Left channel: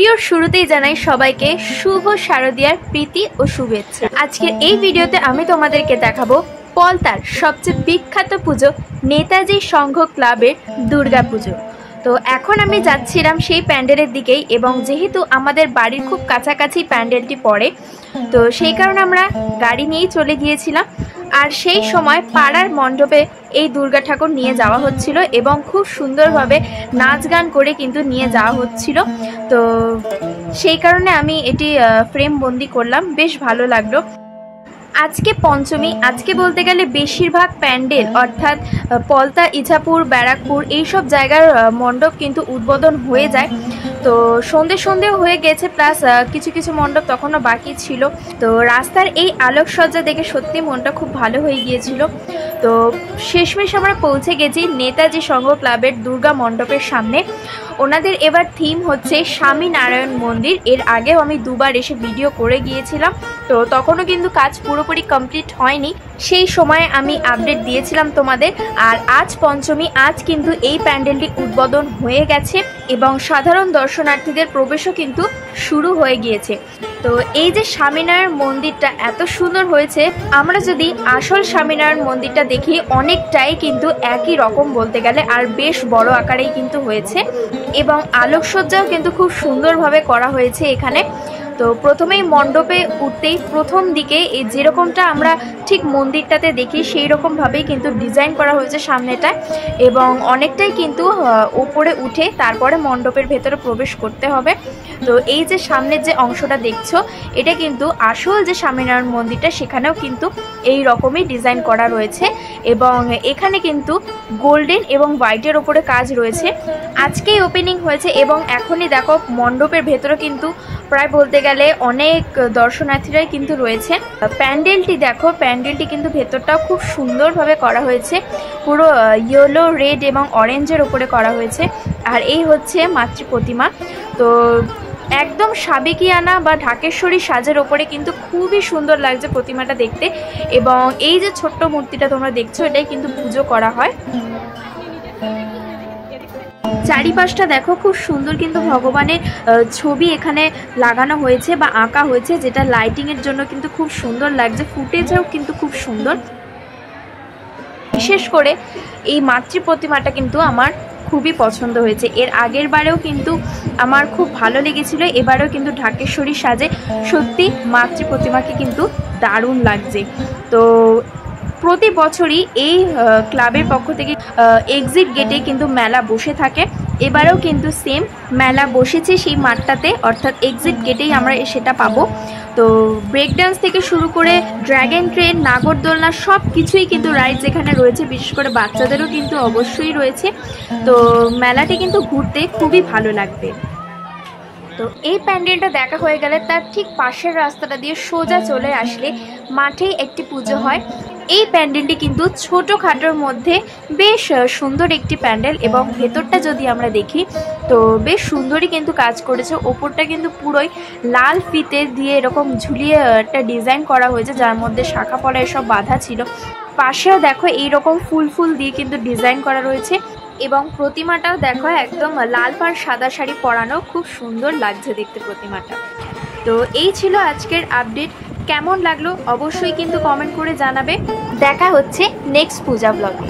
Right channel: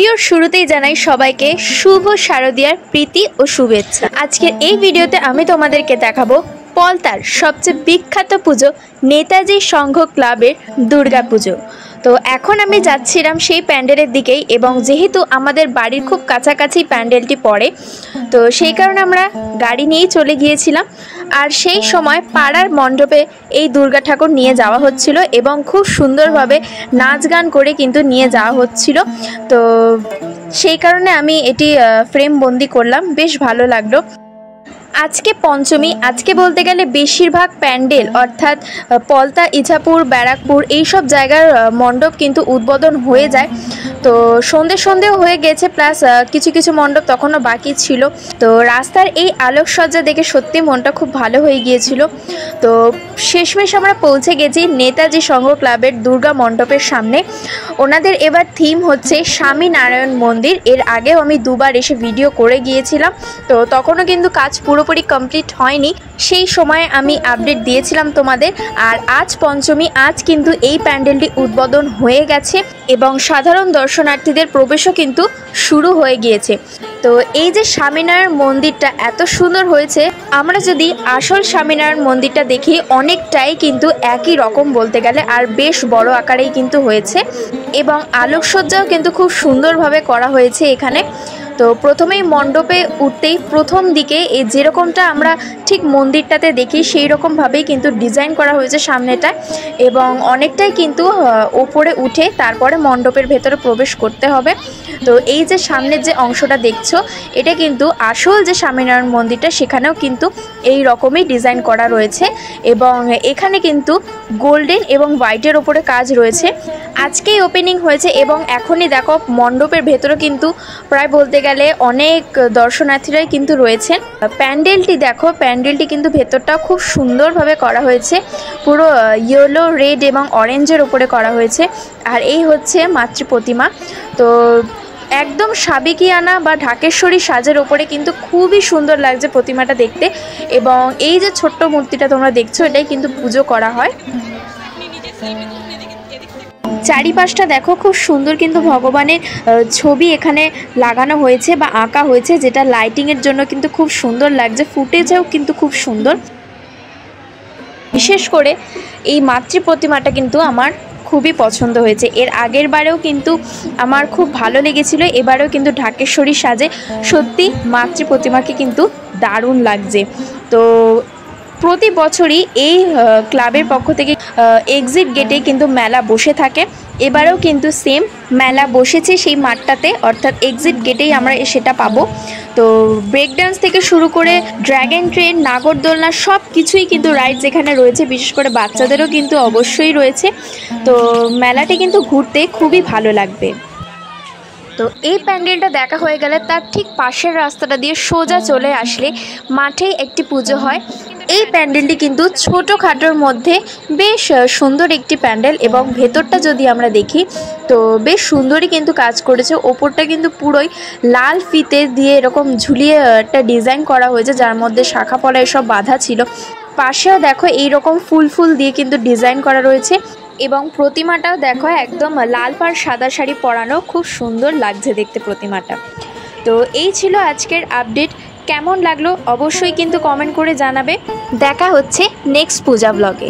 ভিডিওর শুরুতেই জানাই সবাইকে শুভ শারদীয়ার প্রীতি ও শুভেচ্ছা। আজকের এই ভিডিওতে আমি তোমাদেরকে দেখাবো পলতার সবচেয়ে বিখ্যাত পুজো নেতাজি সংঘ ক্লাবের দুর্গা পুজো। তো এখন আমি যাচ্ছিলাম সেই প্যান্ডেলের দিকেই, এবং যেহেতু আমাদের বাড়ির খুব কাছাকাছি প্যান্ডেলটি পড়ে, তো সেই কারণে আমরা গাড়ি নিয়েই চলে গিয়েছিলাম। আর সেই সময় পাড়ার মণ্ডপে এই দুর্গা ঠাকুর নিয়ে যাওয়া হচ্ছিল এবং খুব সুন্দরভাবে নাচ গান করে কিন্তু নিয়ে যাওয়া হচ্ছিল। তো সেই কারণে আমি এটি ফ্রেম বন্দি করলাম, বেশ ভালো লাগলো। আজকে পঞ্চমী, আজকে বলতে গেলে বেশিরভাগ প্যান্ডেল অর্থাৎ পলতা, ইছাপুর, ব্যারাকপুর এইসব জায়গার মণ্ডপ কিন্তু উদ্বোধন হয়ে যায়। তো সন্ধেও হয়ে গেছে, প্লাস কিছু কিছু মণ্ডপ তখনও বাকি ছিল। তো রাস্তার এই আলোকসজ্জা দেখে সত্যি মনটা খুব ভালো হয়ে গিয়েছিল। তো শেষমেশ আমরা পৌঁছে গেছি নেতাজি সংঘ ক্লাবের দুর্গা মণ্ডপের সামনে। ওনাদের এবার থিম হচ্ছে স্বামীনারায়ণ মন্দির। এর আগেও আমি দুবার এসে ভিডিও করে গিয়েছিলাম, তো তখনও কিন্তু কাজ পুরোপুরি কমপ্লিট হয়নি। সেই সময় আমি আপডেট দিয়েছিলাম তোমাদের। আর আজ পঞ্চমী, আজ কিন্তু এই প্যান্ডেলটি উদ্বোধন হয়ে গেছে এবং সাধারণ দর্শনার্থীদের প্রবেশও কিন্তু শুরু হয়ে গিয়েছে। তো এই যে স্বামীনারায়ণ মন্দিরটা এত সুন্দর হয়েছে, আমরা যদি আসল স্বামীনারায়ণ মন্দিরটা দেখি অনেকটাই কিন্তু একই রকম বলতে গেলে, আর বেশ বড় আকারেই কিন্তু হয়েছে এবং আলোকসজ্জাও কিন্তু খুব সুন্দরভাবে করা হয়েছে এখানে। তো প্রথমেই মণ্ডপে উঠতেই প্রথম দিকে এই যেরকমটা আমরা ঠিক মন্দিরটাতে দেখি সেই রকমভাবেই কিন্তু ডিজাইন করা হয়েছে সামনেটা, এবং অনেকটাই কিন্তু ওপরে উঠে তারপরে মণ্ডপের ভেতরে প্রবেশ করতে হবে। তো এই যে সামনের যে অংশটা দেখছো, এটা কিন্তু আসল যে স্বামীনারায়ণ মন্দিরটা, সেখানেও কিন্তু এই রকমই ডিজাইন করা রয়েছে এবং এখানে কিন্তু গোল্ডেন এবং হোয়াইটের ওপরে কাজ রয়েছে। আজকেই ওপেনিং হয়েছে এবং এখনই দেখো মণ্ডপের ভেতরে কিন্তু প্রায় বলতে গেলে অনেক দর্শনার্থীরাই কিন্তু রয়েছে। প্যান্ডেলটি দেখো, প্যান্ডেলটি কিন্তু ভেতরটাও খুব সুন্দরভাবে করা হয়েছে, পুরো ইয়েলো, রেড এবং অরেঞ্জের ওপরে করা হয়েছে। আর এই হচ্ছে মাতৃ প্রতিমা। তো একদম সাবেকিয়ানা বা ঢাকেশ্বরী সাজের ওপরে কিন্তু খুবই সুন্দর লাগছে প্রতিমাটা দেখতে। এবং এই যে ছোট্ট মূর্তিটা তোমরা দেখছো, এটাই কিন্তু পুজো করা হয়। চারিপাশটা দেখো, খুব সুন্দর কিন্তু ভগবানের ছবি এখানে লাগানো হয়েছে বা আঁকা হয়েছে, যেটা লাইটিংয়ের জন্য কিন্তু খুব সুন্দর লাগছে। ফুটেজেও কিন্তু খুব সুন্দর। বিশেষ করে এই মাতৃ প্রতিমাটা কিন্তু আমার খুবই পছন্দ হয়েছে। এর আগের বারেও কিন্তু আমার খুব ভালো লেগেছিল, এবারেও কিন্তু ঢাকেশ্বরী সাজে সত্যি মাতৃ প্রতিমাকে কিন্তু দারুণ লাগছে। তো প্রতি বছরই এই ক্লাবের পক্ষ থেকে এক্সিট গেটে কিন্তু মেলা বসে থাকে। এবারেও কিন্তু সেম মেলা বসেছে সেই মাঠটাতে, অর্থাৎ এক্সিট গেটেই আমরা সেটা পাবো। তো ব্রেক ডান্স থেকে শুরু করে ড্র্যাগন ট্রেন, নাগরদোলনা সব কিছুই কিন্তু রাইডস এখানে রয়েছে। বিশেষ করে বাচ্চাদেরও কিন্তু অবশ্যই রয়েছে। তো মেলাটি কিন্তু ঘুরতে খুবই ভালো লাগবে। তো এই প্যান্ডেলটা দেখা হয়ে গেলে তার ঠিক পাশের রাস্তাটা দিয়ে সোজা চলে আসলে মাঠেই একটি পুজো হয়। এই প্যান্ডেলটি কিন্তু ছোটোখাটোর মধ্যে বেশ সুন্দর একটি প্যান্ডেল, এবং ভেতরটা যদি আমরা দেখি তো বেশ সুন্দরই কিন্তু কাজ করেছে। ওপরটা কিন্তু পুরোই লাল ফিতে দিয়ে এরকম ঝুলিয়ে একটা ডিজাইন করা হয়েছে, যার মধ্যে শাখা পলা এসব বাঁধা ছিল। পাশেও দেখো এইরকম ফুল দিয়ে কিন্তু ডিজাইন করা রয়েছে, এবং প্রতিমাটাও দেখো একদম লাল পাড় সাদা শাড়ি পরানো, খুব সুন্দর লাগছে দেখতে প্রতিমাটা। তো এই ছিল আজকের আপডেট। কেমন লাগলো অবশ্যই কিন্তু কমেন্ট করে জানাবে। দেখা হচ্ছে নেক্সট পূজা ব্লগে।